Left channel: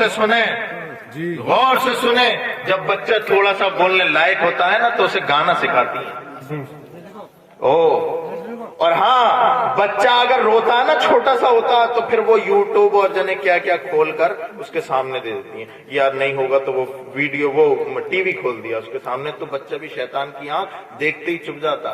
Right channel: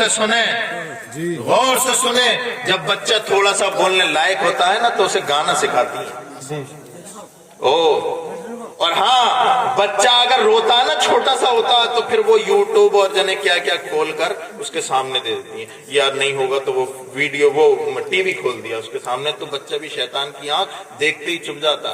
سے سنیں، غور سے سنیں. جب بچہ تھوڑا سا بولنے لائق ہوتا ہے نا تو اسے گانا سکھاتی ہے. اور ہاں بچہ اگر روتا ہے نا چھوٹا سا ہوتا ہے تو پھر وہ یوٹیوب اور جنے کیا کیا کھول کر اس کے سامنے دے دیتی ہیں. یاد نہیں ہوگا تو وہ ویڈیو وہ ٹی وی کھول دیا اس کے سامنے تو بچہ بھی شیطان کی آنکھ دیکھتے ہی چپ جاتا.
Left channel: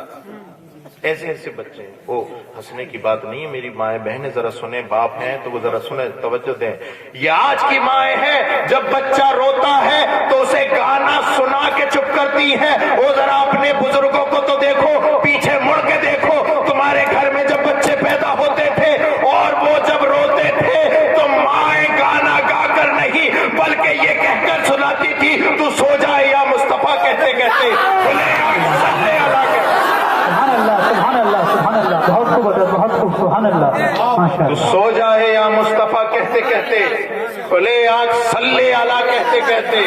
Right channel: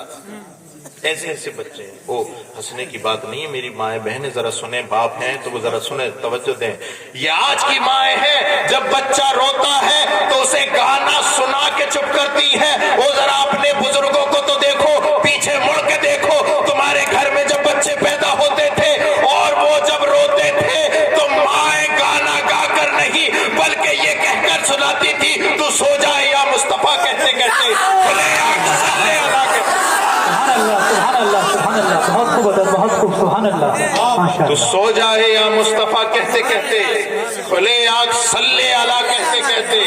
ایسے ایسے بچے ہیں. وہ ہنسنے کی بات نہیں ہے میری مائیں بہنیں، ذرا سنیں. باپ ہیں تو وہ ذرا سنیں، توجہ دیں. یہ آج کی مائیں ہیں، جب بچہ روتا ہے تو اسے گانا سنا کے چپ کرتی ہیں. وہ ذرا اپنے بزرگوں کو تو دیکھو، پیچھے مڑ کے دیکھو. تمہارے گھر میں جب بچے پیدا ہوتے تھے اور وہ جب روتے تھے تو مائیں گانا گا کر نہیں بلکہ یہ کہہ کر سناتی تھی، تو سو جائے یا مصطفیٰ کہتے کہتے تو سو جائے یا مصطفیٰ کہتے کہتے، کھلے آنکھ صلی اللہ کہتے کہتے.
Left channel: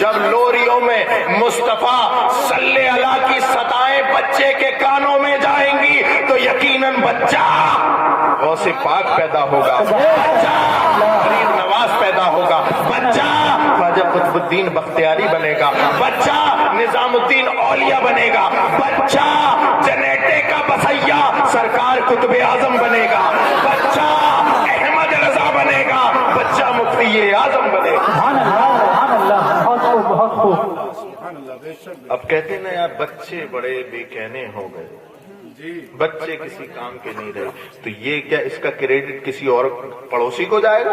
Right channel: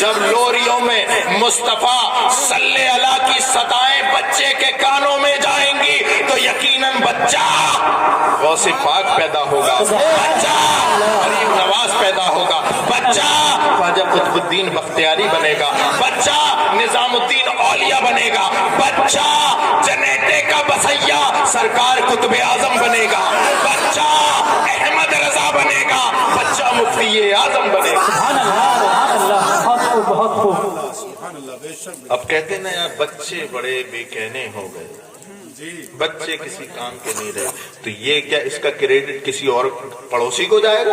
جب لوریوں میں مصطفیٰ صلی اللہ کی صدائیں بچے کے کانوں میں جائیں گی تو یقیناً بچہ غوث پاک پیدا ہوگا، بچہ غریب نواز پیدا ہوگا، بچہ خواجہ قطب الدین بختیاری بنے گا، بچہ نظام الدین اولیاء بنے گا، بچہ جنیٹے کا بسیا سرکار قطب اعظم بنے گا، بچہ احمد رضا بنے گا، بچہ مفتی اعظم بنے گا. اب کہتے ہیں یار بچے بڑے بے کہنے ہو گئے، بچے کسی کام کے نہیں رہے. تو یہ کیا اس کا کریڈٹ کسی اور پڑوسی کو جائے گا؟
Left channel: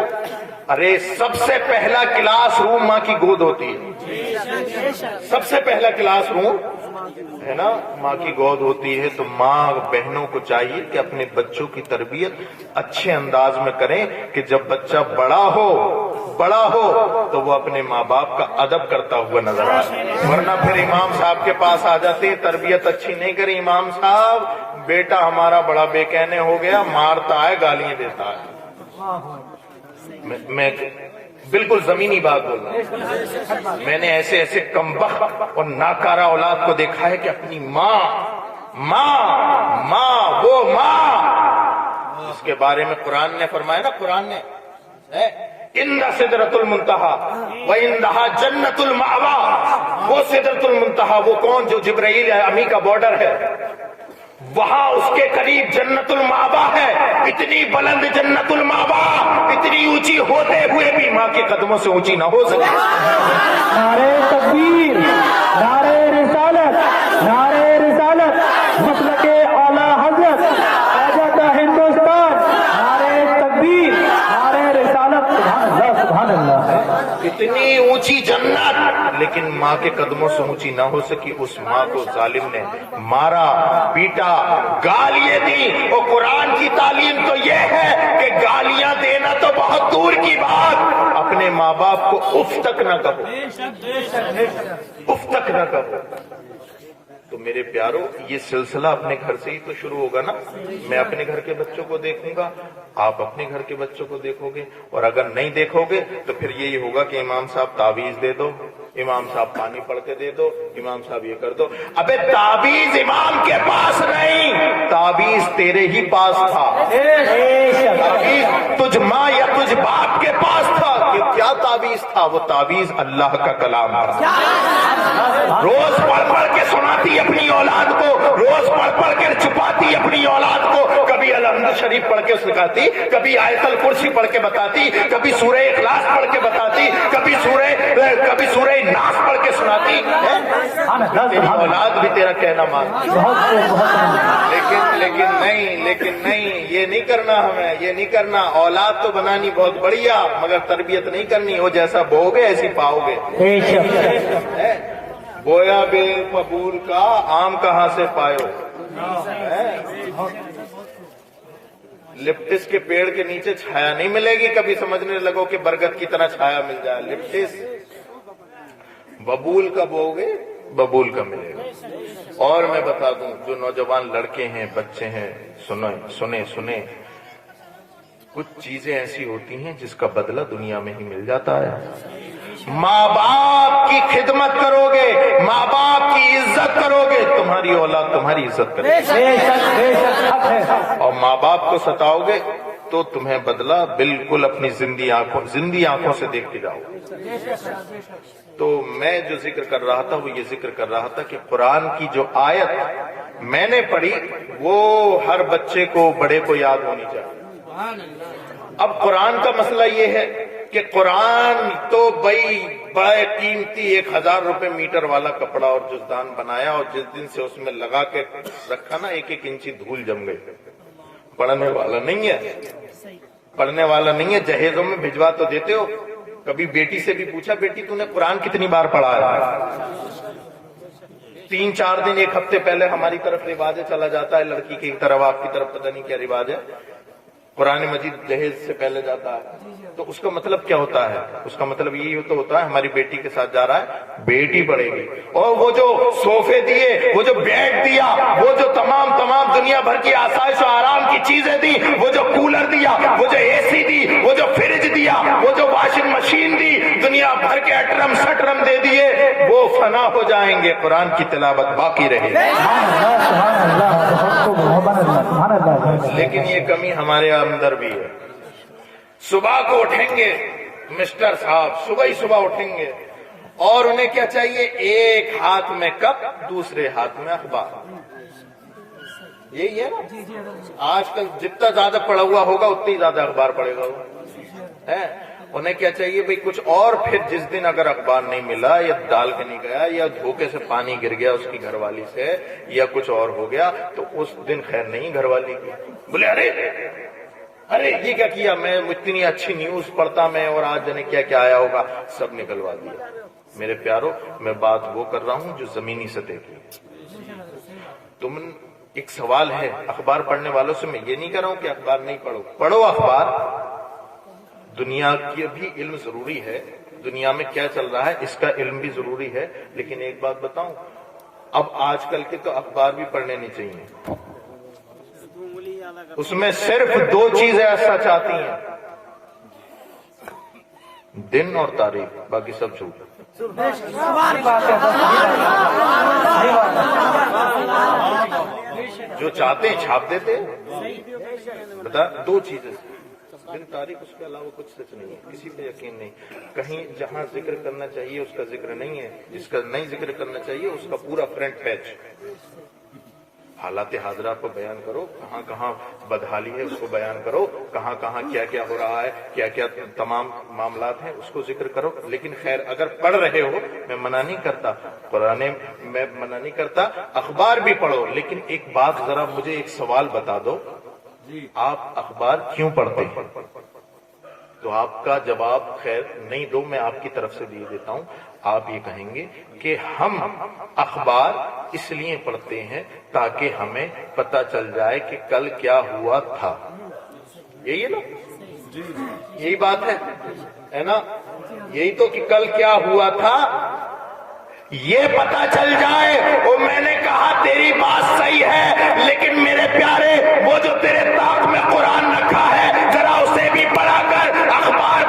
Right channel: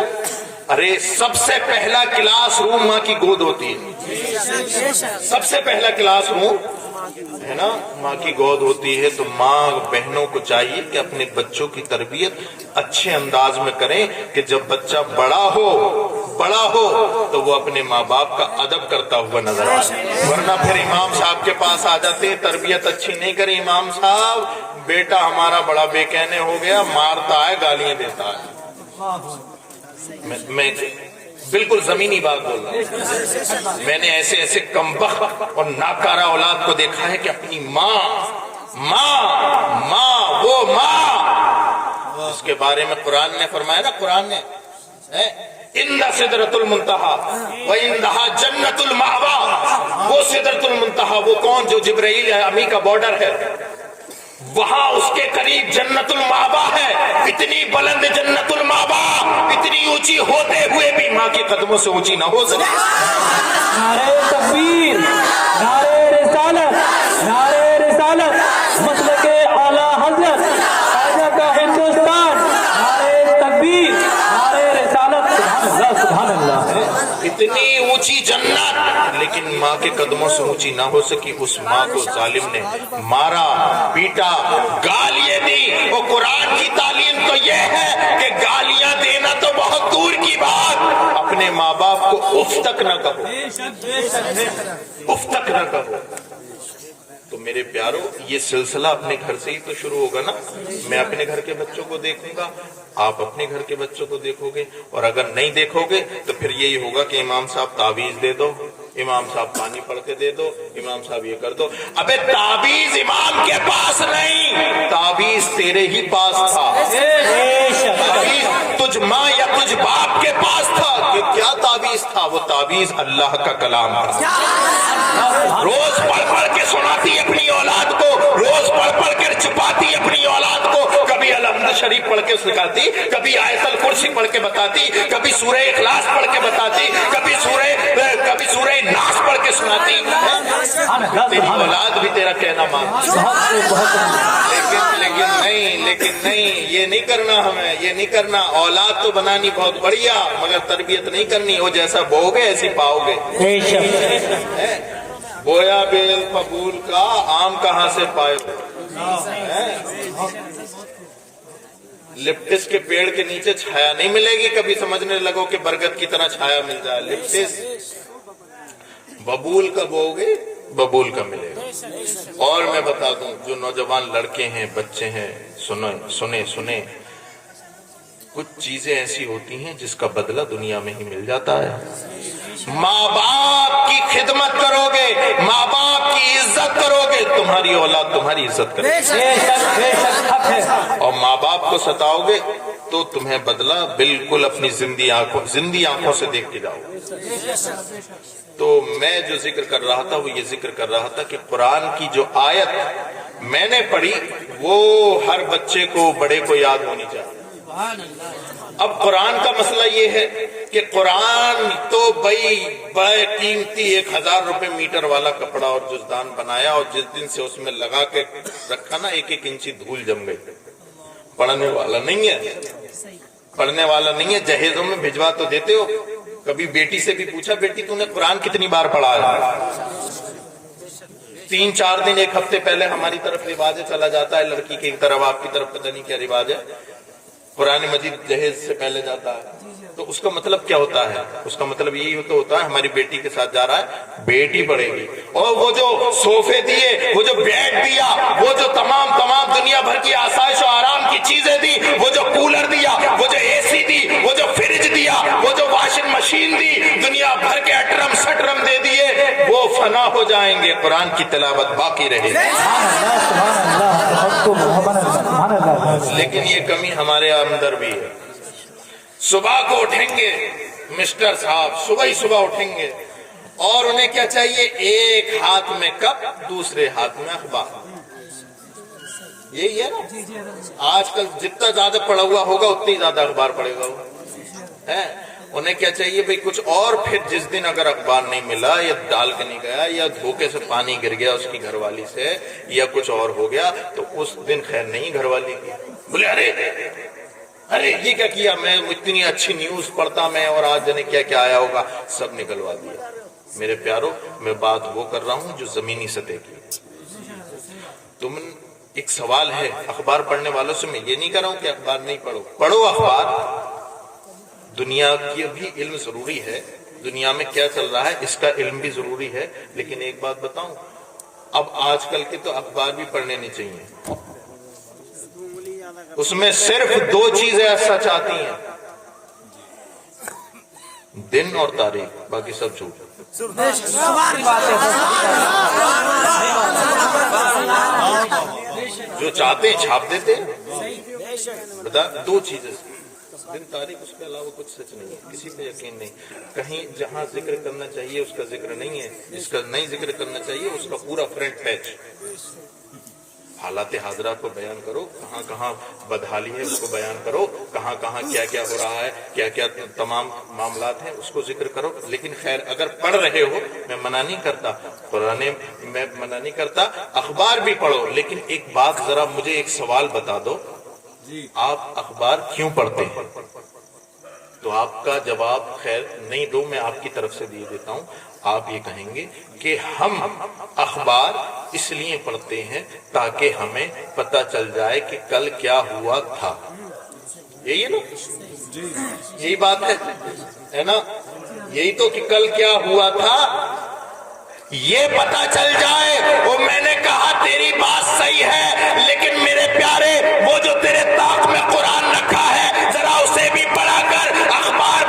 ارے سب سے پہلا کلاس روم ماں کی گود ہوتی ہے. سب سے پہلا کلاس روم ہے نا ماں کی گود ہوتی ہے. تو ماں بہنوں کو چاہیے کہ اپنے بچوں کی تربیت اچھے انداز میں کریں کہ جب بچہ بڑا ہو تو وہ اپنے ماں باپ کا ادب کرتا ہوا نظر آئے. ورنہ پھر امام صاحب کے پاس آ جاتے ہیں، تربیت اچھی نہیں کری، امام صاحب بیٹا ہمارا بڑا بے کہنے ہو گیا، مارتا ہے گالیاں دیتا ہے. میں بالکل زمینی بات بول رہا ہوں. میں نے ایسے ایسے کمبخت اور ناکارہ اولاد کو دیکھا ہے کہ اپنی ماں اس کے بارے میں قرآن نے فرمایا نا، قرآن نے اِنَّ سِدْرَةُ الْمُنْتَهَا وَإِنَّهَا جَنَّةُ الْمَأْوَىٰ. وہ سدرۃ المنتہا وہ کون؟ جو جبرائیل امی کا بارڈر ہے، وہاں اس کے قریب جنت المأویٰ ہے. اتنی بلند جنت المأویٰ، اتنی اونچی ہوتے ہوئے بھی ماں کے قدموں سے اونچی نہ ہو سکے. نعرہ تکبیر، نعرہ رسالت، نعرہ رسالت، مسلک اعلیٰ حضرت خواجہ ہندوستان، نعرہ تکبیر، نعرہ رسالت. سبحان اللہ. اتنی اونچی جنت لیکن ماں کے قدموں سے اونچی نہ ہو سکی. اس ماں کو ظالم نے مارا، پیٹا، گالیاں دی. اور قرآن کی تعلیم تو یہ ہے کہ گالیاں دینا تو بہت دور کی بات، اپنے ماں باپ کو اف تک نہ کہو، اف تک نہ کہو. تو میرے پیارو یہ سلسلہ اپنے گھر سے ہی تو شروع ہوگا نا. میں اپنے گھر کے بچوں کو دیکھوں گا، آپ اپنے گھر کے بچوں کو دیکھو گے. اور اگر نہیں دیکھو گے تو پھر یہی ہوگا کہ امام صاحب تعویذ دے دو، امام صاحب پانی پڑھ کے دے دو، امام صاحب یہ کر دو. ابے تعویذ امام کے پاس نہیں، تعویذ تیرے ہی پاس تھا. تعویذ تجھ ماں یا تجھ باپ کے پاس تھا. کہ کیا تعویذ تھا؟ وہ تعویذ اللہ کا کلام تھا. روز پڑھ پڑھ کے سناتی اپنی اولاد کو، روز پڑھ پڑھ کے چھپاتی اپنی اولاد کو. کبھی الحمد شریف پڑھ کے سکھاتی، کبھی آیت الکرسی پڑھ کے بتاتی، کبھی سورہ اخلاص پڑھ کے بتاتی، کبھی سورہ ناس پڑھ کے سناتی. تیری اولاد بھی تیرا کہنا مانتی. لیکن نہیں یہ نہیں کرنا. ہمیں یہ نہیں کرنا. اولاد تو بنانی بہت بڑھیا مگر تربیت نہیں کرنی. وہ جیسا بو گے ایسی پاؤ گے. بویا بیل فبول کا آم کہاں سے پائے؟ لپٹس کے پیڑ کے نیچے چھایا نہیں ملے گی. کبھی سمجھنے لگو کہ برگد کی طرح چھایا مل جائے. لپٹس ببول کا بو گے ببول کا ملے گا. اور میں بتا دوں جو نوجوان لڑکے ہیں، بچے ہیں، سنیں کچھ چیزیں ایسی ہوتی ہیں جس کا بدلہ دنیا میں ہی مل جاتا ہے. ماں باپ کی خدمت کرو گے، ماں باپ کی عزت کرو گے، تمہاری اولاد تمہاری عزت کرے گی. اور ماں باپ کو ستاؤ گے تو تمہیں بدلہ بالکل اپنی زندی آنکھوں سے دیکھ کے جاؤ. تو میں جو ذکر کر رہا تھا وہ یہ ذکر کر رہا تھا کہ قرآن کی جو آیت میں نے پڑھی وہ ہر بچے کو بڑے کو یاد ہونی چاہیے. اب قرآن کا مسئلہ یہ ہے کہ قرآن تو بھائی بڑے قیمتی 1000 روپے میٹر والا کپڑا اور جزدان بنایا اور جس دن سے اس میں لگا کے رکھا نا 1 انچی دھول جم گئی. پڑھنے والا نہیں ہے, پڑھنے والا نہیں ہے. جہیزوں میں بھجوا تو دیتے ہو. کبھی بیٹی سے بھی پوچھا بیٹی تو نے قرآن کتنی بار پڑھا ہے؟ 3-4 دن 1 ہفتے پہلے ہماری طرف رواج چلا جاتا ہے, لڑکی کی طرف آپ کی طرف پتہ نہیں کیا رواج ہے, قرآن مجید جہیز سے پہلے جاتا ہے. تو اس کا مطلب کیا ہوتا ہے؟ اس کا مطلب یہی تو ہوتا ہے ہماری بیٹی کے ساتھ جا رہا ہے, بیٹی پڑھے گی. اور وہ جو صوفے دیے, وہ جو بیڈ دیا, وہ جو تمام دنیا بھر کی آسائش و آرام کی چیزیں دی, وہ جو کولر دیا, وہ جو اے سی دی, وہ جو فریج دیا, وہ جو واشنگ مشین دی, دنیا بھر کے اٹرم سٹرم دے دیے, وہ فنا ہو جائیں گے. قرآن کی تلاوت باقی رہے گی. لیکن یہ کمی ہمارے اندر بھی ہے. صبح کو اٹھیں گے مسٹر صاحب, صبح اٹھیں گے اور انہیں کیا چاہیے؟ ایک ہاتھ میں کپ, دوسرے ہاتھ میں اخبار. یہی ہے نا آج کل. جتنا زیادہ پڑھا ہوا ہوگا اتنی زیادہ اخبار پڑھے گا. انہیں کیا چاہیے بھئی کچھ اور. پھر جس دن اگر اخبار نہیں ملا یا ڈال کے نہیں گیا یا دھوکے سے پانی گر گیا اس کی گھر والی سے یا کچھ اور ہو گیا تو اس دن خیر نہیں گھر والی کی. بولے ارے یہ کیا کیا, میں اتنی اچھی نیوز پڑھتا میں اور آج جانے کیا کیا آیا ہوگا, سب نکلوا دیا. میرے پیارو میں بات وہ کر رہا ہوں جو زمینی سطح کی. تم ایک سوال ہے اخبار پڑھنے والوں سے, میں یہ نہیں کر رہا ہوں کہ اخبار نہیں پڑھو, پڑھو اخبار. دنیا کی بھی علم ضروری ہے, دنیا میں کیا چل رہا ہے اس کا علم بھی ضروری ہے. لیکن ایک بات بتاؤں, اب آج کل کے تو اخبار بھی پڑھنے نہیں چاہیے. اس میں صرف 2 چیزیں سچ آتی ہیں, دن اور تاریخ, باقی سب جھوٹ. جو چاہتے ہیں چھاپ دیتے ہیں. بتا 2 چیزیں, دن تاریخ, اس کے علاوہ کچھ سچ نہیں ہے. کسی پہ یقین نہیں. کہیں جہاں ذکر کرنا چاہیے اس کا ذکر نہیں ہے, جس کا نہیں ذکر کرنا چاہیے اس کا پورا فرنٹ پیج. حالات حاضرہ کو بیان کرو, کہاں کہاں بدحالی ہے اس کو بیان کرو, کہاں کہاں کیا کیا ہو رہا ہے, کیا کیا تمام معاملات ہیں اس کو ذکر کرو. لیکن خیر اگر پڑھ رہے ہو, میں منع نہیں کرتا, قرآن میں منع نہیں کرتا, اخبار بھی پڑھو. لیکن ایک بات ذرا مجھے ایک سوال بتا دو, آپ اخبار کیوں پڑھتے ہیں؟ تو آپ کا جواب خیر نہیں دو, میں آپ کی طرف سے دیتا ہوں. آپ یہ کہیں گے کہ ہم اخبار اس لیے پڑھتے ہیں تاکہ ہمیں پتہ چل جائے کہ کل کیا ہوا تھا. یہی ہے نا, یہی بات ہے نا, یہی تو کہ کل کیا ہوا تھا یہ پتہ چل جائے. اور میں نے کہا تیری بات صحیح ہے, لیکن میرے پیارے وہ جو تیرے طاق میں قرآن رکھا ہے ذرا اسے بھی پڑھا کر. اخبار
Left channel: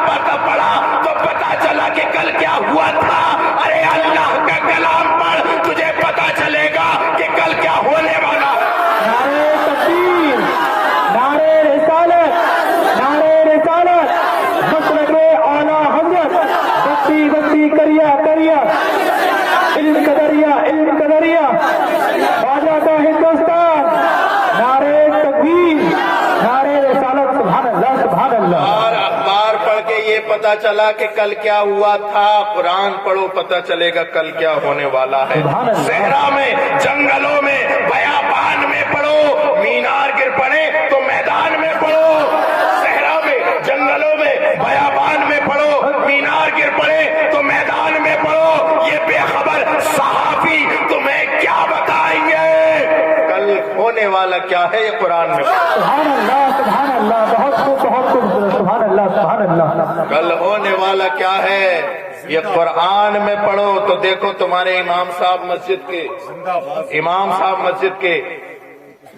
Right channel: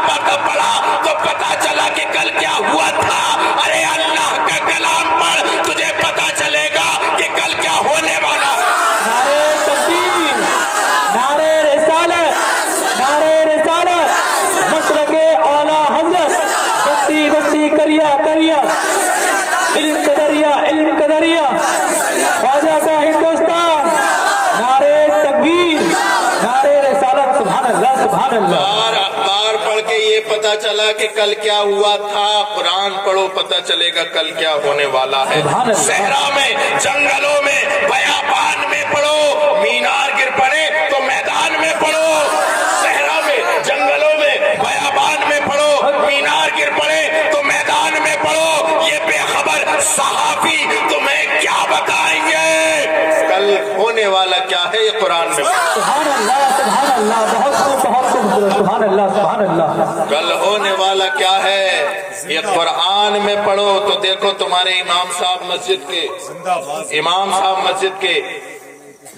پڑھا تو پتہ چلا کہ کل کیا ہوا تھا. ارے اللہ کا کلام پڑھ, تجھے پتہ چلے گا کہ کل کیا ہونے والا. نعرہ تکبیر, نعرہ رسالت, نعرہ رسالت, مسلک اعلیٰ حضرت, گتی گتی کریا کریا, علم کا دریا, خواجہ کا ہندوستان. نعرہ تکبیر, نعرہ رسالت. سبحان اللہ, سبحان اللہ. اخبار پڑھ کے یہ پتہ چلا کہ کل کیا ہوا تھا, قرآن پڑھو پتہ چلے گا کل کیا ہونے والا ہے. صحرا میں, جنگلوں میں, بیابان میں پڑھو, مینار گر پڑے تو میدان میں پڑھو. صحرا میں, جنگلوں میں, بیابان میں پڑھو, مینار گر پڑے تو میدان میں پڑھو. یہ بے خبر صحافی تمہیں کیا بتائیں گے کل ہونے والا کیا ہے, یہ قرآن میں. سبحان اللہ, سبحان اللہ, بہت سبحان اللہ, سبحان اللہ. کل ہونے والا کیا ہے یہ قرآن میں پڑھو تو دیکھو تمہارے امام صاحب مسجد کے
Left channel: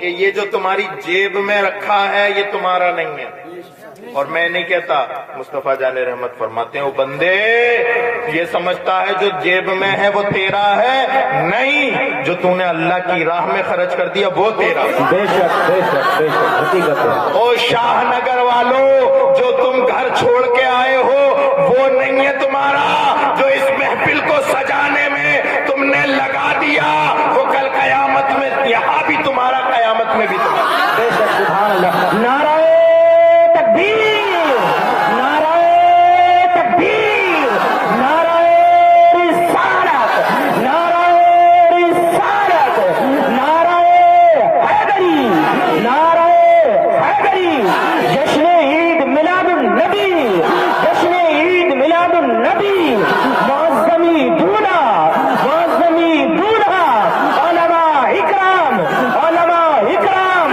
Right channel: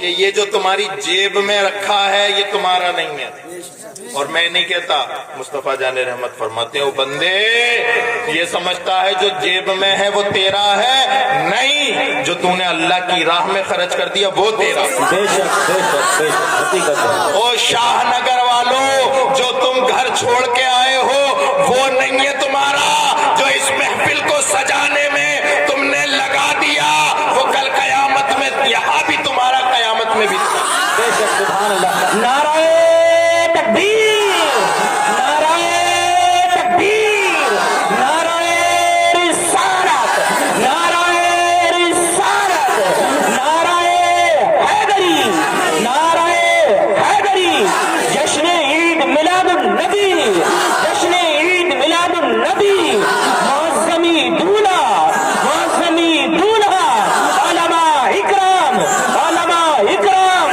کہ یہ جو تمہاری جیب میں رکھا ہے یہ تمہارا نہیں ہے. اور میں نہیں کہتا, مصطفیٰ جان رحمت فرماتے ہیں, وہ بندے یہ سمجھتا ہے جو جیب میں ہے وہ تیرا ہے, نہیں, جو تو نے اللہ کی راہ میں خرچ کر دیا وہ تیرا. بے شک بے شک بے شک حقیقت ہے. او شاہ نگر والوں, جو تم گھر چھوڑ کے آئے ہو وہ نہیں ہے تمہارا, جو اس محفل کو سجانے میں تم نے لگا دیا وہ کل قیامت میں یہاں بھی تمہارا, قیامت میں بھی تمہارا. بے شک سبحان اللہ. نعرہ تکبیر, نعرہ تکبیر, نعرہ رسالت, نعرہ رسالت, نعرہ حیدری, نعرہ حیدری. جشن عید میلاد النبی, جشن عید میلاد النبی. معظمی دونا, معظمی دونا, علماء اکرام, علماء اکرام.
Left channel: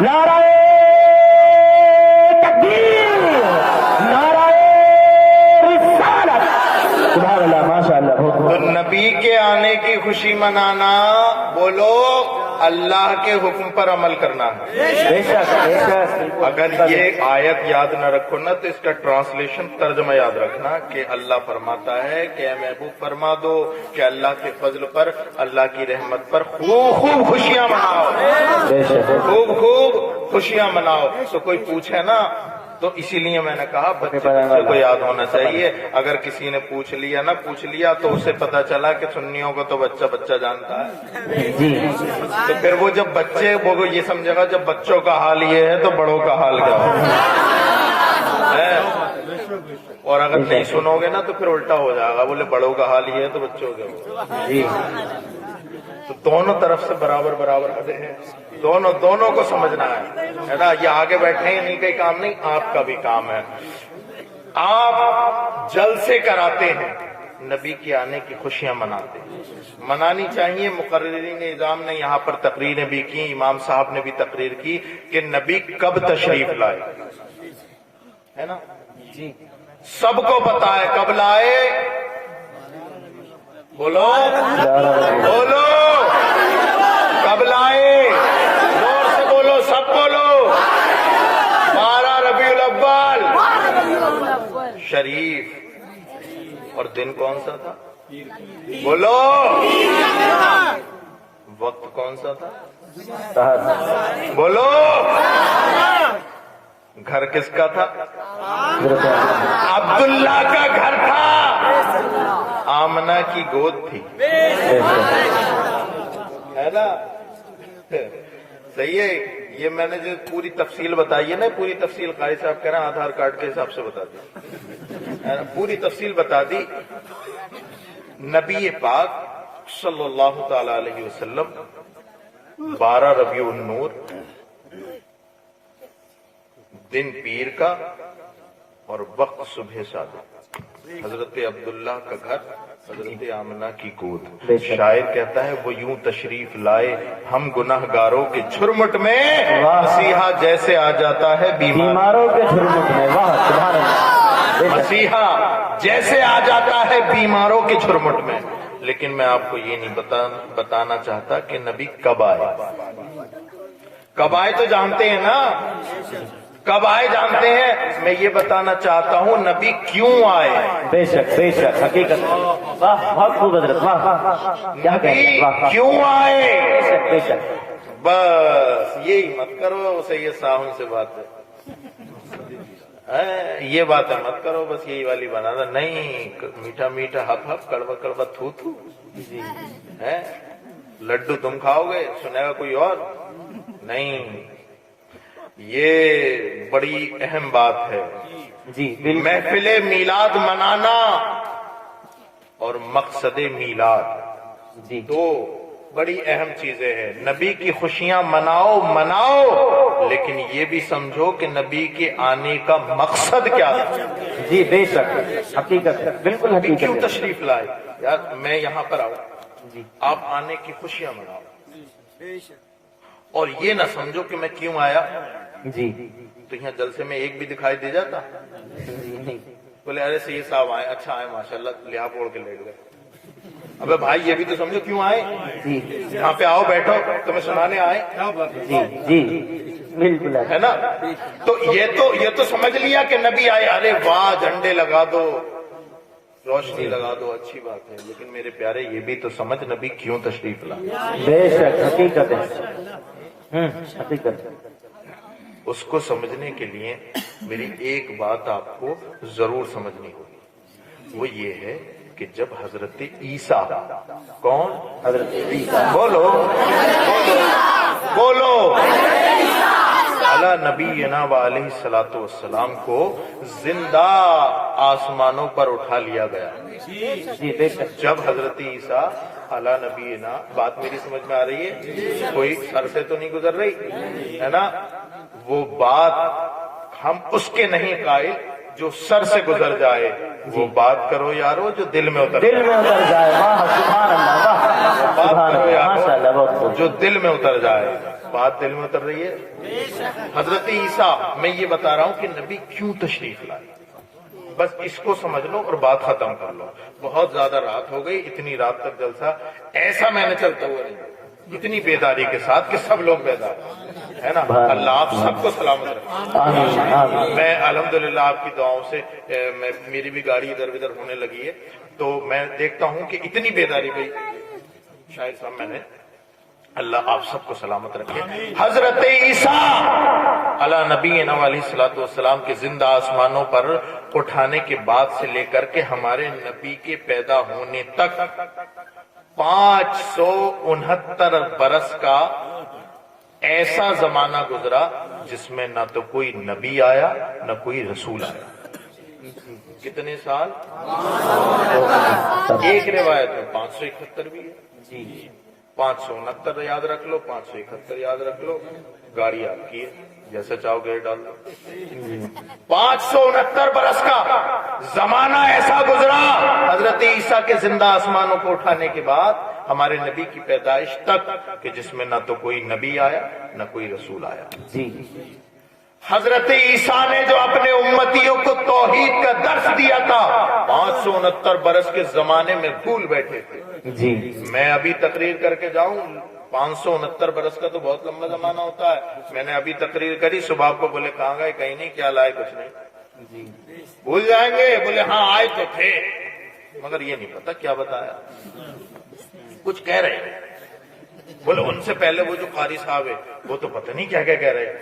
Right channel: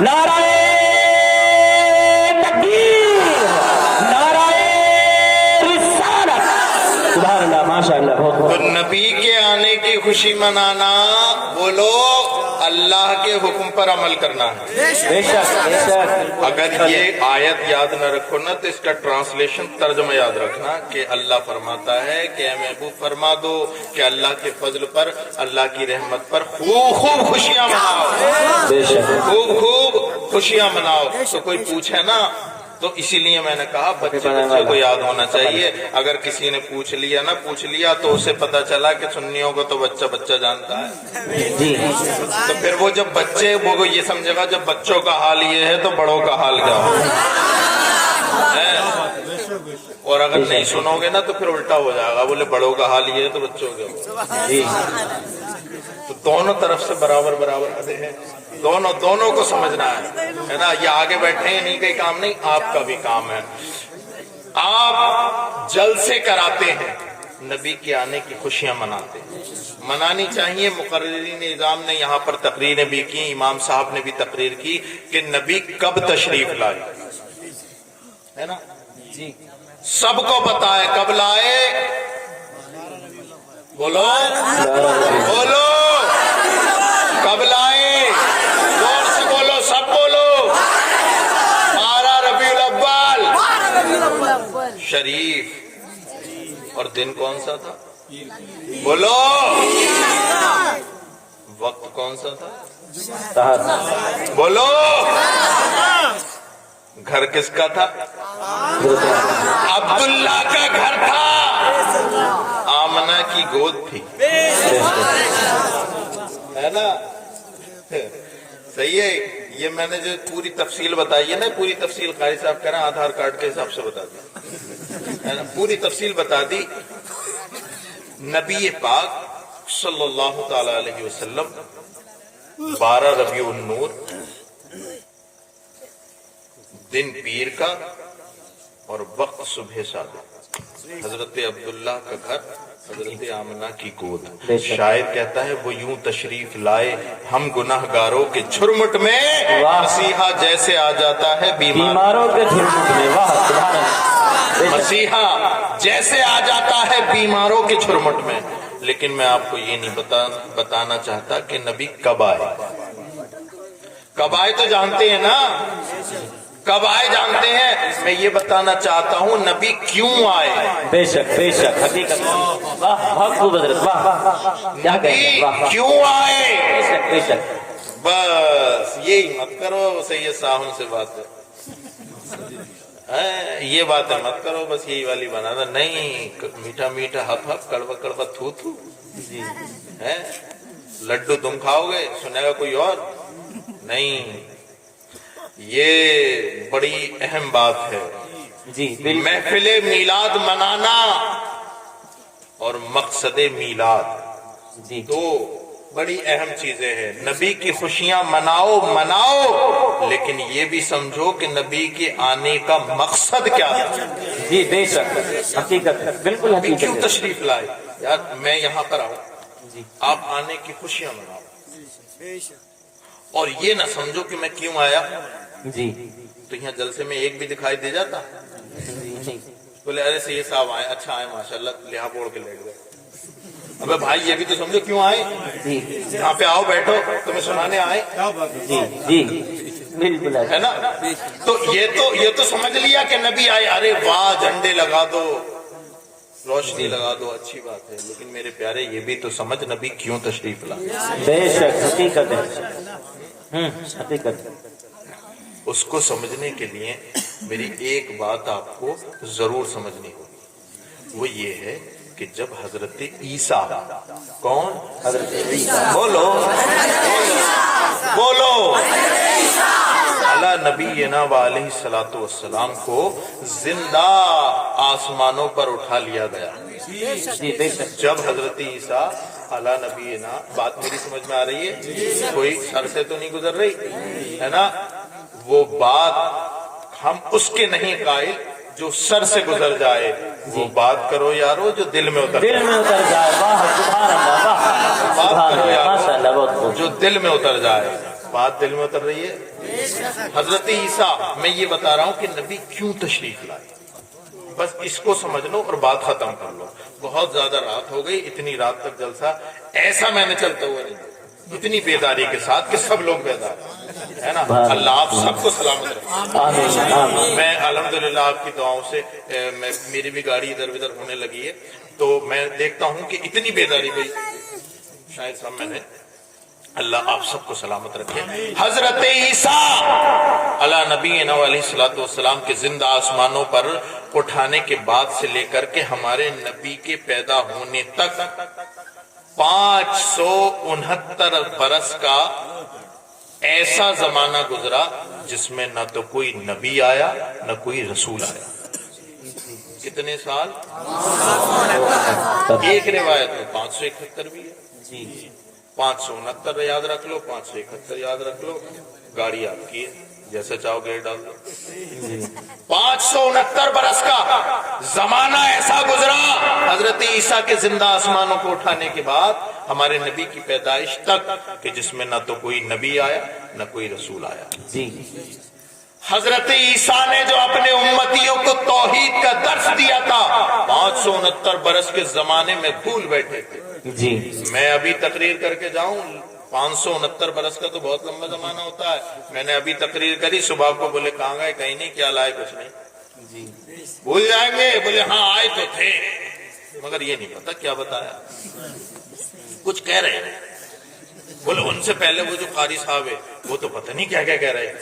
نعرہ تکبیر, نعرہ رسالت. سبحان اللہ, ماشاء اللہ. تو نبی کے آنے کی خوشی منانا, بولو اللہ کے حکم پر عمل کرنا ہے. بے شک بے شک. اگر یہ آیت یاد نہ رکھو نا تو اس کا ٹرانسلیشن ترجمہ یاد رکھنا کہ اللہ فرماتا ہے کہ اے محبوب فرما دو کہ اللہ کے فضل پر, اللہ کی رحمت پر خوب خوب خوشیاں مناؤ, بے شک. خوب خوب خوشیاں مناؤ. تو کوئی پوچھے نا تو اسی لیے میں نے کہا بچے کو یاد ہونا چاہیے. اگر کسی نے پوچھ لیا تو اسے پتا چلا کہ سنیوں کو تو بچہ بچہ جانتا ہے, جی تو پھر وہ جب بچے وہ یہ سمجھے گا جب بچوں کا حال یہ ہے تو بڑوں کا حال کیا ہے. اور اگر نہیں سنو گے نا تو پھر الٹا ہو جائے گا, بولے بڑوں کا حال یہ ہے تو بچوں کا. جی تو دونوں طرف سے برابر برابر ادے ہیں, دونوں کو سمجھنا ہے نا. یہ آگے بیٹھے ہیں انہیں کا کام نہیں, آپ کا بھی کام ہے. آپ جلسے کراتے ہیں, نبی کے آنے کی خوشیاں مناتے ہیں, منانی چاہیے. مقررین نظام نے یہاں پر تقریریں بھی کی, امام صاحب نے بھی تقریر کی کہ نبی کب تشریف لائے, ہے نا, جی سب کو پتا ہے کب لائے. بولو بولو کب لائے, زور سے بولو, سب بولو. 12 ربیع الاول شریف. اور دن کون سا تھا, بولو. وقت کون سا تھا, بولو. گھر کس کا تھا, عبداللہ کا گھر تھا, آمنہ کی گود تھی, ہے نا. صحیح ہے. یہ میں نے جو پوری تفصیل بتائی ہے نا, پوری تفصیل قاری صاحب کہہ رہے ہیں آدھار کارڈ کے حساب سے بتا دیں, پوری تفصیل بتا دی. نبی پاک صلی اللہ تعالی علیہ وسلم 12 ربیع النور دن پیر کا اور وقت صبح صادق, حضرت عبداللہ کا گھر, حضرت آمنہ کی گود. شاعر کہتا ہے وہ یوں تشریف لائے ہم گناہگاروں کے جھرمٹ میں, مسیحا جیسے آ جاتا ہے بیماروں کے جھرمٹ میں. واہ سبحان اللہ. مسیحا جیسے آ جاتا ہے بیماروں کے جھرمٹ میں. لیکن میں آپ کو یہ نہیں بتانا چاہتا کہ نبی کب آئے. کب آئے تو جانتے ہیں نا, کب آئے جانتے ہیں. میں یہ بتانا چاہتا ہوں نبی کیوں آئے. بے شک بے شک حقیقت. واہ بہت خوب حضرت, واہ کیا کہیں, واہ کیوں آئے. بے شک بے شک. بس یہی مت کرو, سید صاحب سے بات یہ باتیں مت کرو, بس یہی والی بنا دو. نہیں, میٹھا میٹھا ہپ ہپ, کڑوا کڑوا تھو تھو, ہے لڈو تم کھاؤ گے, سنے گا کوئی اور نہیں. یہ بڑی اہم بات ہے. جی محفل میلاد منانا اور مقصد میلاد جی دو بڑی اہم چیزیں ہیں. نبی کی خوشیاں مناؤ لیکن یہ بھی سمجھو کہ نبی کے آنے کا مقصد کیا ہے. جی بے شک حقیقت, بالکل نبی کیوں حقیقت. تشریف لائے, یار میں یہاں پر آؤں, جی آپ آنے کی خوشیاں مناؤ, اور یہ نہ سمجھو کہ میں کیوں آیا. جی تو یہاں جلسے میں ایک بھی دکھائی دے جاتا, نہیں بولے ارے سید صاحب آئے, اچھا آئے ماشاءاللہ, لحاظ اوڑھ کے لے گئے. ابے بھائی یہ بھی تو سمجھو کیوں آئے جی یہاں پہ، آؤ بیٹھو، تمہیں سنانے آئے، جی بالکل ہے نا؟ تو یہ تو سمجھ لیا کہ نبی آئے، ارے واہ جھنڈے لگا دو، روشنی لگا دو، اچھی بات ہے، لیکن میرے پیارے یہ بھی تو سمجھ نبی کیوں تشریف لا، بے شک حقیقت ہے، حقیقت ہے۔ اس کو سمجھنے کے لیے میری ایک بات آپ کو ضرور سمجھنی ہوگی، وہ یہ ہے کہ جب حضرت عیسیٰ، کون؟ حضرت عیسیٰ، بولو بولو، علی نبینا علیہ الصلوۃ والسلام کو زندہ آسمانوں پر اٹھا لیا گیا، جی بے شک، جب حضرت عیسیٰ علی نبینا، بات میری سمجھ میں آ رہی ہے؟ کوئی سر سے تو نہیں گزر رہی ہے نا؟ وہ بات ہم اس کے نہیں قائل جو سر سے گزر جائے، وہ بات کرو یارو جو دل میں اتر دل میں اتر جائے، واہ سبحان اللہ، واہ بات سبحان کرو اللہ، ماشاء اللہ، بہت یارو خوب، جو دل میں اتر جائے، بات دل میں اتر رہی ہے؟ حضرت عیسیٰ، میں یہ بتا رہا ہوں کہ نبی کیوں تشریف لائے، بس اس کو سمجھ لو اور بات ختم کر لو۔ بہت زیادہ رات ہو گئی، اتنی رات تک جلسہ ایسا میں نے چلتا ہوا نہیں، اتنی بیداری کے ساتھ کہ سب لوگ بیدار ہے نا۔ اللہ آپ سب کو سلامت رکھے۔ آمین آمین، میں الحمدللہ آپ کی دعاؤں سے میری بھی گاڑی ادھر ادھر ہونے لگی ہے، تو میں دیکھتا ہوں کہ اتنی بیداری گئی، شاید صاحب میں نے، اللہ آپ سب کو سلامت رکھے۔ حضرت عیسیٰ علی نبینا علیہ الصلوۃ والسلام کے زندہ آسمانوں پر اٹھانے کے بعد سے لے کر کے ہمارے نبی کے پیدا ہونے تک 569 برس کا ایسا زمانہ گزرا جس میں نہ تو کوئی نبی آیا نہ کوئی رسول آیا۔ کتنے سال؟ ایک روایت میں 571 بھی ہے، 569 یاد رکھ لو، 571 یاد رکھ لو، گاڑی آپ کی ہے، جیسے چاہو گیئر ڈال دو۔ 569 برس کا زمانہ ایسا گزرا حضرت عیسیٰ کے زندہ آسمانوں کو اٹھانے کے بعد ہمارے نبی کی پیدائش تک، کہ جس میں نہ تو کوئی نبی آیا نہ کوئی رسول آیا۔ جی حضرت عیسیٰ نے جو اپنے امتیوں کو توحید کا درس دیا تھا 569 برس کے زمانے میں بھول بیٹھے تھے۔ جی میں ابھی تقریر کر کے جاؤں، 569 برس کا تو بہت لمبا زمانہ ہوتا ہے، میں نے ابھی تقریر کری، صبح کو بولے کہاں گئے؟ کہیں نہیں، کیا لائے؟ کچھ نہیں، جی بھول جائیں گے، بولے ہاں آئے تو تھے، مگر یہ نہیں پتا کیا بتایا، کچھ کہہ رہے ہیں، بولے ان سے پہلے وہ جو قاری صاحب ہے وہ تو پتہ نہیں کیا کیا کہہ رہے ہیں،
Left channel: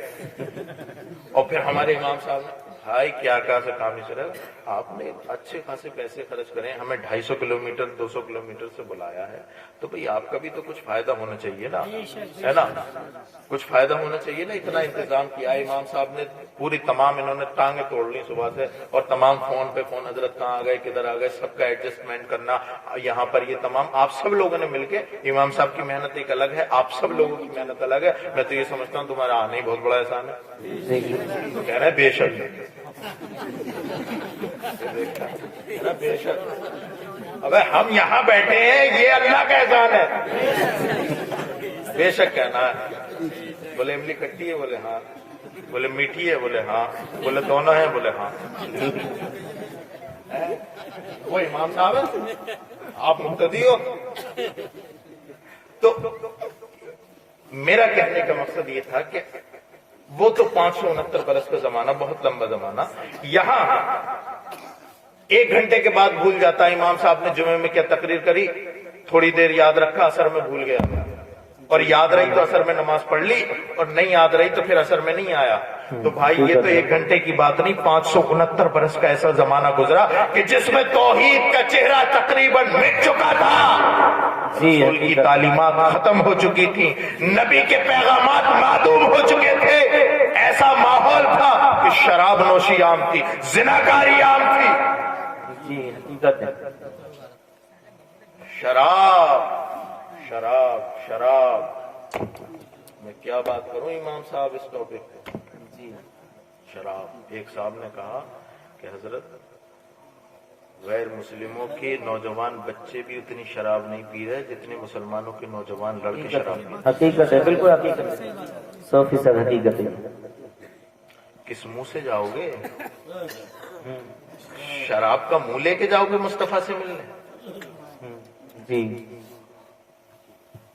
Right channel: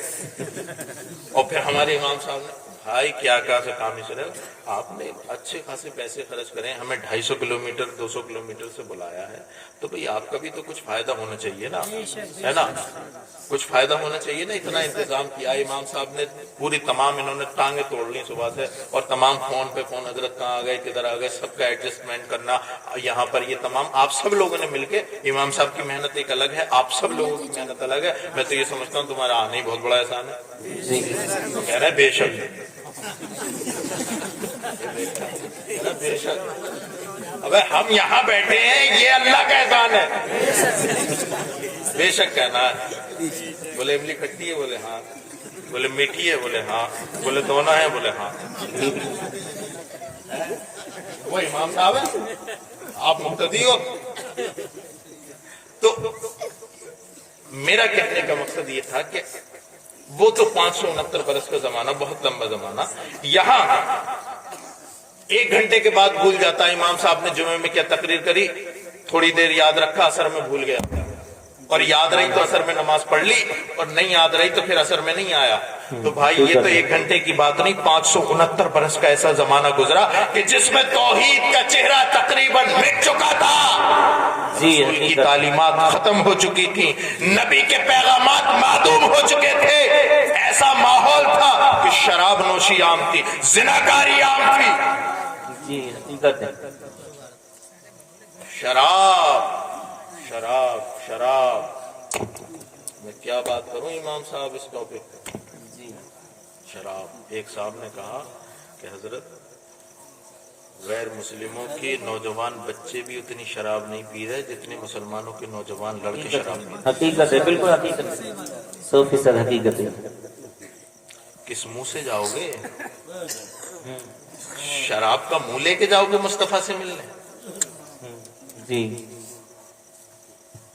اور پھر ہمارے امام صاحب نے، بھائی کیا سے کام نہیں سنے، آپ نے اچھے خاصے پیسے خرچ کریں، ہمیں 250 کلومیٹر 200 کلومیٹر سے بلایا ہے، تو بھئی آپ کا بھی تو کچھ فائدہ ہونا چاہیے نا، ہے نا، کچھ فائدہ ہونا چاہیے نا، اتنا انتظام کیا امام صاحب نے، پوری تمام انہوں نے ٹانگیں توڑ لی صبح سے، اور تمام فون پہ فون، حضرت کہاں آ گئے کدھر آ گئے، سب کا ایڈجسٹمنٹ کرنا یہاں پر، یہ تمام آپ سب لوگوں نے مل کے، امام صاحب کی محنت ایک الگ ہے، آپ سب لوگوں کی محنت الگ ہے، میں تو یہ سمجھتا ہوں تمہارا آنا ہی بہت بڑا احسان ہے، کہہ رہے ہیں بے شک، بے شک، ابے ہم یہاں بیٹھے ہیں یہ اللہ کا احسان ہے، بے شک کہنا ہے۔ بولے املی کھٹی ہے؟ بولے ہاں، بولے میٹھی ہے؟ بولے ہاں، بولے دونوں ہیں؟ بولے ہاں، وہ امام صاحب ہے، آپ مقتدی ہو۔ تو میرا کہنے کا مقصد یہ تھا کہ وہ تو 569 برس کا زمانہ بہت لمبا زمانہ، یہاں 1 گھنٹے کے بعد بھول جاتا، امام صاحب نے جمعے میں کیا تقریر کری، تھوڑی دیر یاد رکھا، اثر میں بھول گیا، اور یاد رہی تو اثر میں نماز پڑھ لی، اور نہیں یاد رہی تو پھر اثر میں نہیں آیا، تو بھائی یہ تو 1 گھنٹے کی بات نہیں، 569 برس کا ایسا زمانہ گزرا کہ جس میں توحید کا چہرہ تقریباً مٹ چکا تھا، رسول کی تعلیمات ختم ہو چکی تھی، نبی کے پیغامات معدوم ہو چکے تھے، ایسا ماحول تھا کہ شراب نوشی عام تھی، زناکاری عام تھی، جی حقیقت ہے، شراب شراب شراب، میں کیا بات کروں امام صاحب اس ٹاپک پہ، شراب۔ ایک صاحب نے کہا کہ حضرت غیر مسلموں کے نوجوان بچے بھی اتنی شراب نہیں پی رہے جتنے مسلمانوں کے نوجوان لڑکے شراب پی رہے۔ حقیقت ہے، بالکل حقیقت ہے، 100% حقیقت ہے۔ کس منہ سے جاؤ گے؟ شراب کا منہ لے کے جاؤ گے مصطفیٰ سے ملنے؟ جی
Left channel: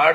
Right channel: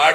8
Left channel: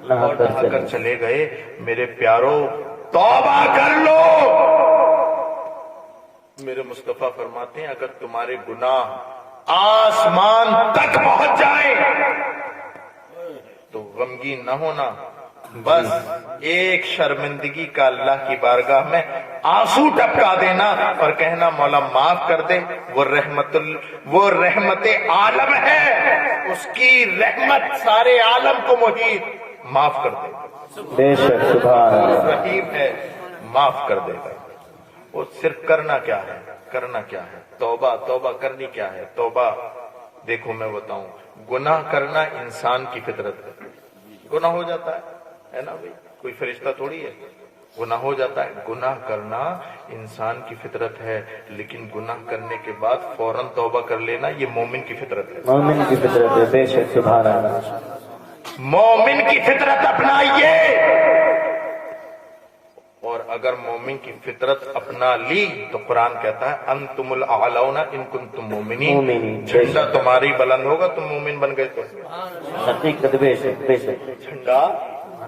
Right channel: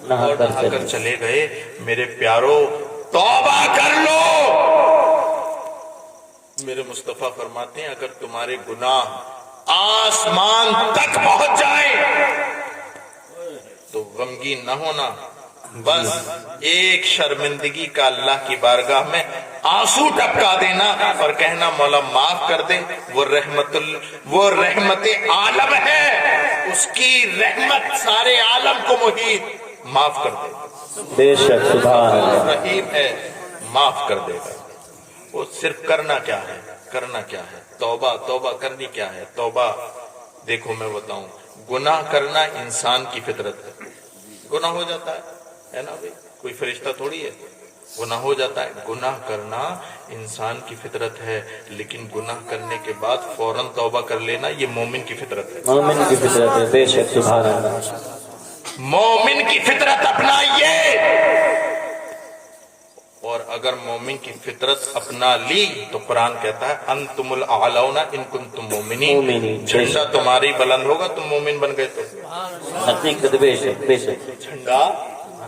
اور نہا کر چلے گئے۔ میرے پیارو توبہ کر لو۔ میرے مصطفیٰ فرماتے ہیں اگر تمہارے گناہ آسمان تک پہنچ جائے تو غمگین نہ ہونا، بس ایک شرمندگی کا اللہ کی بارگاہ میں آنسو ٹپکا دینا اور کہنا مولا معاف کر دے، وہ رحمت عالم ہے، اس کی رحمت سارے عالم کو محیط، معاف کر دے، بے شک سبحان اللہ، رحیم ہے، معاف کر دے گا۔ وہ صرف کرنا کیا ہے، کرنا کیا ہے، توبہ کرنی کیا ہے۔ توبہ دیکھو میں بتاؤں، گناہ کرنا انسان کی فطرت ہے، گناہ ہو جاتا ہے نا بھائی، کوئی فرشتہ تھوڑی ہے، گناہ ہو جاتا ہے۔ گناہ کرنا انسان کی فطرت ہے، لیکن گناہ کرنے کے بعد فوراً توبہ کر لینا یہ مومن کی فطرت ہے، مومن کی فطرت ہے، بے شک سبحان اللہ، مومن کی فطرت اپنائیے۔ اور اگر مومن کی فطرت اپنا لی تو قرآن کہتا ہے انتم الاعلون ان کنتم مومنین، جھنڈا تمہاری بلند ہوگا، تم مومن بن گئے تو حقیقت، بے شک بے شک، جھنڈا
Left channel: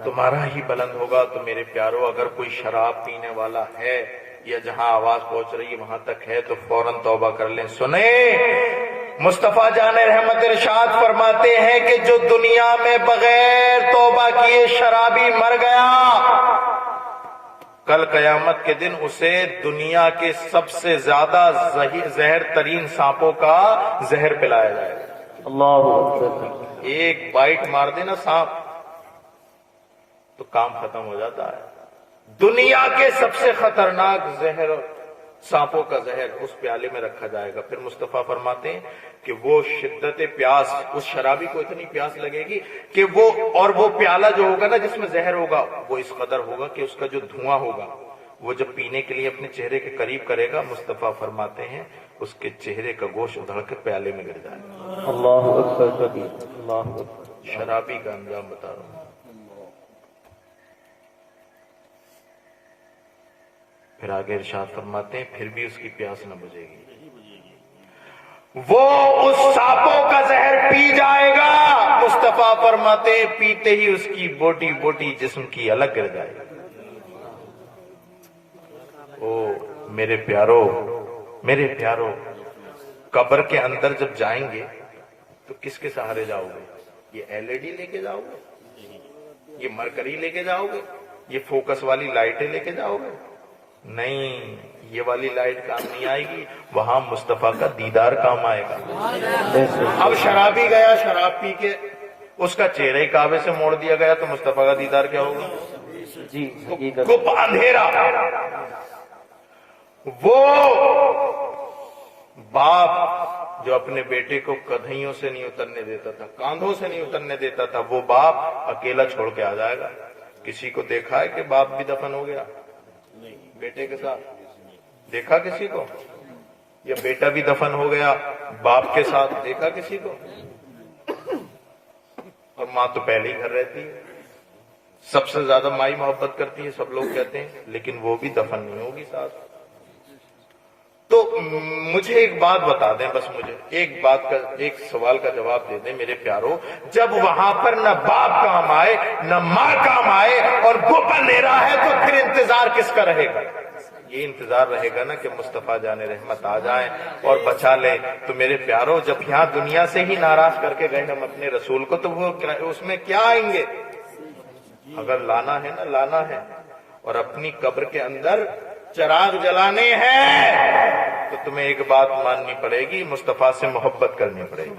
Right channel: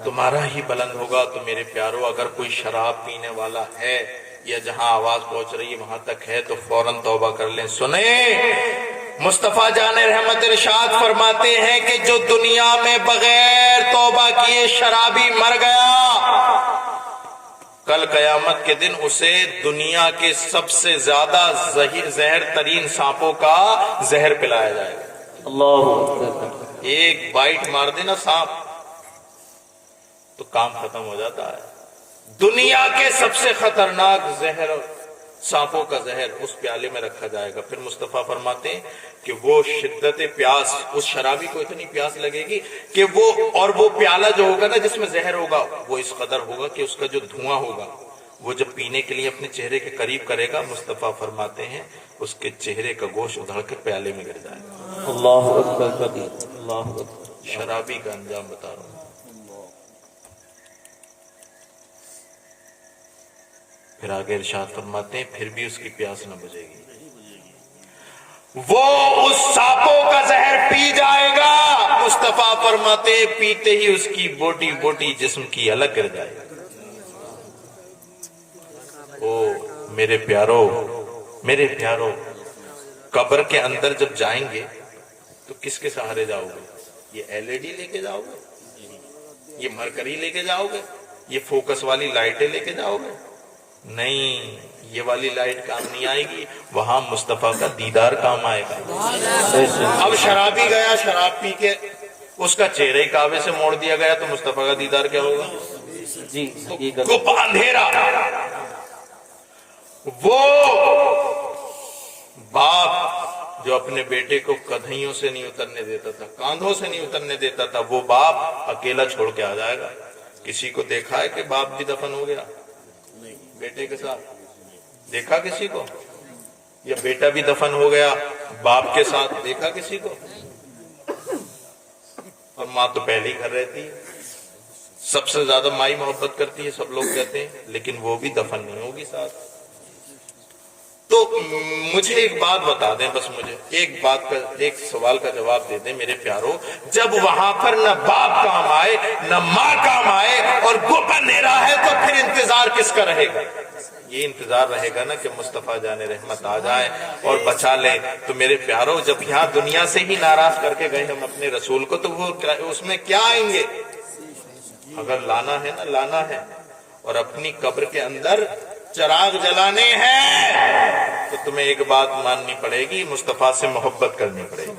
تمہارا ہی بلند ہوگا۔ تو میرے پیارو اگر کوئی شراب پینے والا ہے یا جہاں آواز پہنچ رہی ہے وہاں تک ہے تو فوراً توبہ کر لیں۔ سنیں مصطفیٰ جان رحمت ارشاد فرماتے ہیں کہ جو دنیا میں بغیر توبہ کیے شرابی مر گیا، کل قیامت کے دن اسے دنیا کے سب سے زیادہ زہر ترین سانپوں کا زہر پلایا جائے گا۔ اللہ اکبر، ایک بائٹ مار دینا سانپ تو کام ختم ہو جاتا ہے۔ دنیا کے سب سے خطرناک زہر، سانپوں کا زہر اس پیالے میں رکھا جائے گا۔ پھر مصطفیٰ فرماتے ہیں کہ وہ شدت پیاس، اس شرابی کو اتنی پیاس لگے گی کہ وہ پیالہ جو ہوگا نا جس میں زہر ہوگا وہ اس قدر ہوگا کہ اس کا جو دھواں ہوگا وہ جب پینے کے لیے اپنے چہرے کے قریب کرے گا، مصطفیٰ فرماتے ہیں اس کے چہرے کا گوشت ادھڑ کر پیالے میں گر جائے گا۔ اللہ اکبر، اللہ اکبر، شرابی کا انجام بتا رہا ہوں۔ پھر آگے ارشاد فرماتے ہیں پھر بھی اس کی پیاس نہ بجھے گی، وہ اس سانپوں کا زہر پی جائے گا۔ مصطفیٰ فرماتے ہیں پیتے ہی اس کی بوٹی بوٹی جسم کی الگ گر جائے گی۔ او میرے پیارو، قبر کے اندر جب جائیں گے تو کس کے سہارے جاؤ گے؟ یہ LED لے کے جاؤ گے؟ یہ مرکری لے کے جاؤ گے؟ یہ فوکس والی لائٹیں لے کے جاؤ گے؟ نہیں، یہ والی لائٹ کام نہیں آئے گی، وہاں مصطفیٰ کا دیدار کام آئے گا۔ اب شرابی گیا، شراب پی کے اس کا چہرہ ہی کعبے سے موڑ دیا گیا تو مصطفیٰ کا دیدار کیا ہوگا؟ جی، گپ اندھیرا۔ وہ باپ جو اپنے بیٹے کو کدھیوں سے نہیں اترنے دیتا تھا، کاندھوں سے نہیں اترنے دیتا تھا، وہ باپ اکیلا چھوڑ کے آ جائے گا۔ کسی کو دیکھا ہے کہ باپ بھی دفن ہو گیا بیٹے کے ساتھ؟ دیکھا کسی کو؟ یا بیٹا بھی دفن ہو گیا باپ کے ساتھ؟ دیکھا کسی کو؟ اور ماں تو پہلے ہی گھر رہتی ہے، سب سے زیادہ مائی محبت کرتی ہے، سب لوگ کہتے ہیں، لیکن وہ بھی دفن نہیں ہوگی ساتھ۔ تو مجھے ایک بات بتا دیں، بس مجھے ایک سوال کا جواب دے دیں میرے پیارو، جب وہاں پر نہ باپ کام آئے نہ ماں کام آئے اور گپ اندھیرا ہے تو پھر انتظار کس کا رہے گا؟ یہ انتظار رہے گا نا کہ مصطفیٰ جان رحمت آ جائے اور بچا لے۔ تو میرے پیارو جب یہاں دنیا سے ہی ناراض کر کے گئے ہم اپنے رسول کو تو وہ اس میں کیا آئیں گے؟ اگر لانا ہے نا، لانا ہے اور اپنی قبر کے اندر چراغ جلانے ہیں تو تمہیں ایک بات ماننی پڑے گی، مصطفیٰ سے محبت کرنی پڑے گی۔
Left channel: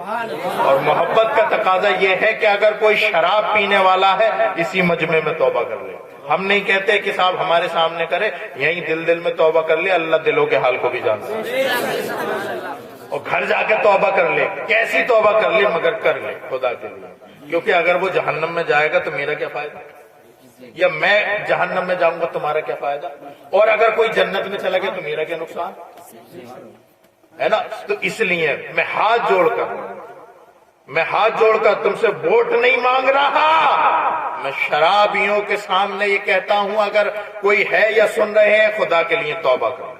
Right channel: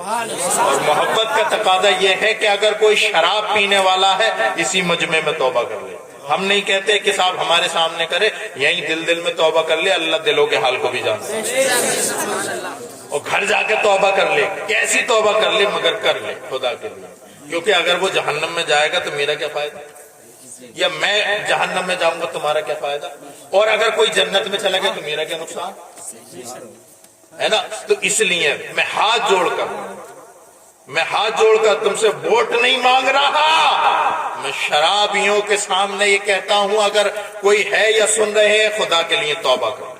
اور محبت کا تقاضا یہ ہے کہ اگر کوئی شراب پینے والا ہے اسی مجمع میں توبہ کر لے۔ ہم نہیں کہتے کہ صاحب ہمارے سامنے کرے، یہیں دل میں توبہ کر لے، اللہ دلوں کے حال کو بھی جانتا ہے، اور گھر جا کے توبہ کر لے، کیسی توبہ کر لے مگر کر لے خدا کے لیے، کیونکہ اگر وہ جہنم میں جائے گا تو میرا کیا فائدہ، یا میں جہنم میں جاؤں گا تمہارا کیا فائدہ، اور اگر کوئی جنت میں چلا گیا تو میرا کیا نقصان ہے نا۔ تو اس لیے میں ہاتھ جوڑ کر تم سے ووٹ نہیں مانگ رہا، میں شرابیوں کے سامنے یہ کہتا ہوں اگر کوئی ہے یا سن رہے ہیں خدا کے لیے توبہ کرو،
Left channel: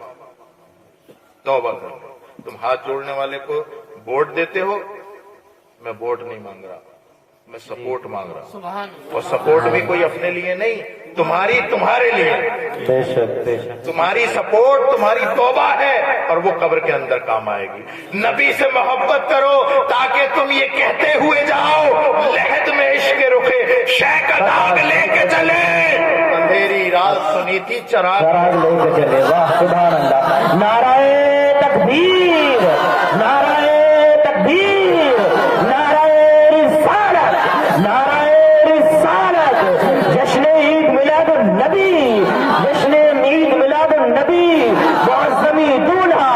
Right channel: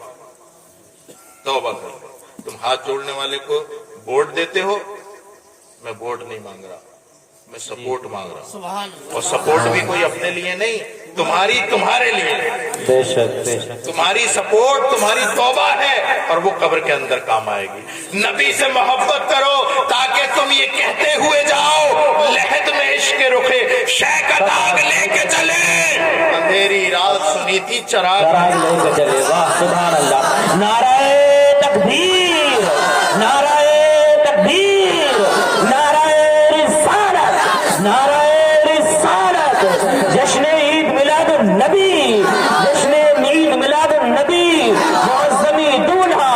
توبہ کرو۔ تم ہاتھ جوڑنے والے کو ووٹ دیتے ہو، میں ووٹ نہیں مانگ رہا، میں سپورٹ مانگ رہا ہوں، اور سپورٹ بھی کوئی اپنے لیے نہیں، تمہارے لیے، بے شک تمہاری سپورٹ تمہاری توبہ ہے، اور وہ قبر کے اندر کام آئے گی۔ نبی سے محبت کرو تاکہ تم یہ کہتے ہوئے جاؤ، لحد میں عشق رخے شے کا داغ لے کے چلے، اندھیری رات سنی تھی چراغ لے کے چلے گا۔ سبحان اللہ، نعرہ تکبیر، نعرہ تکبیر، نعرہ رسالت، نعرہ رسالت، جشن عید میلاد النبی، جشن عید میلاد النبی، معظمی دولہا،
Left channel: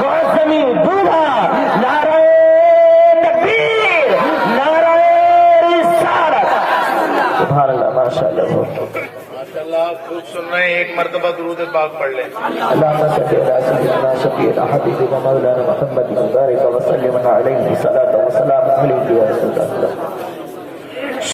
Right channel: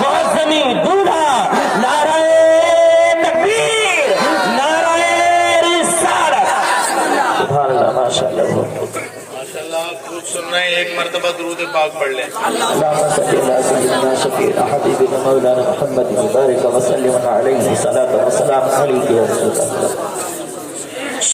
معظمی دولہا، نعرہ تکبیر، نعرہ رسالت۔ سبحان اللہ، ماشاءاللہ، ماشاءاللہ۔ آپ خود سن رہے ہیں، ایک مرتبہ درود پاک پڑھ لیں۔ اللهم صل على سيدنا شفيعنا حبيبنا مولانا محمد وبارك وسلم عليه صلاة وسلام عليك يا رسول الله۔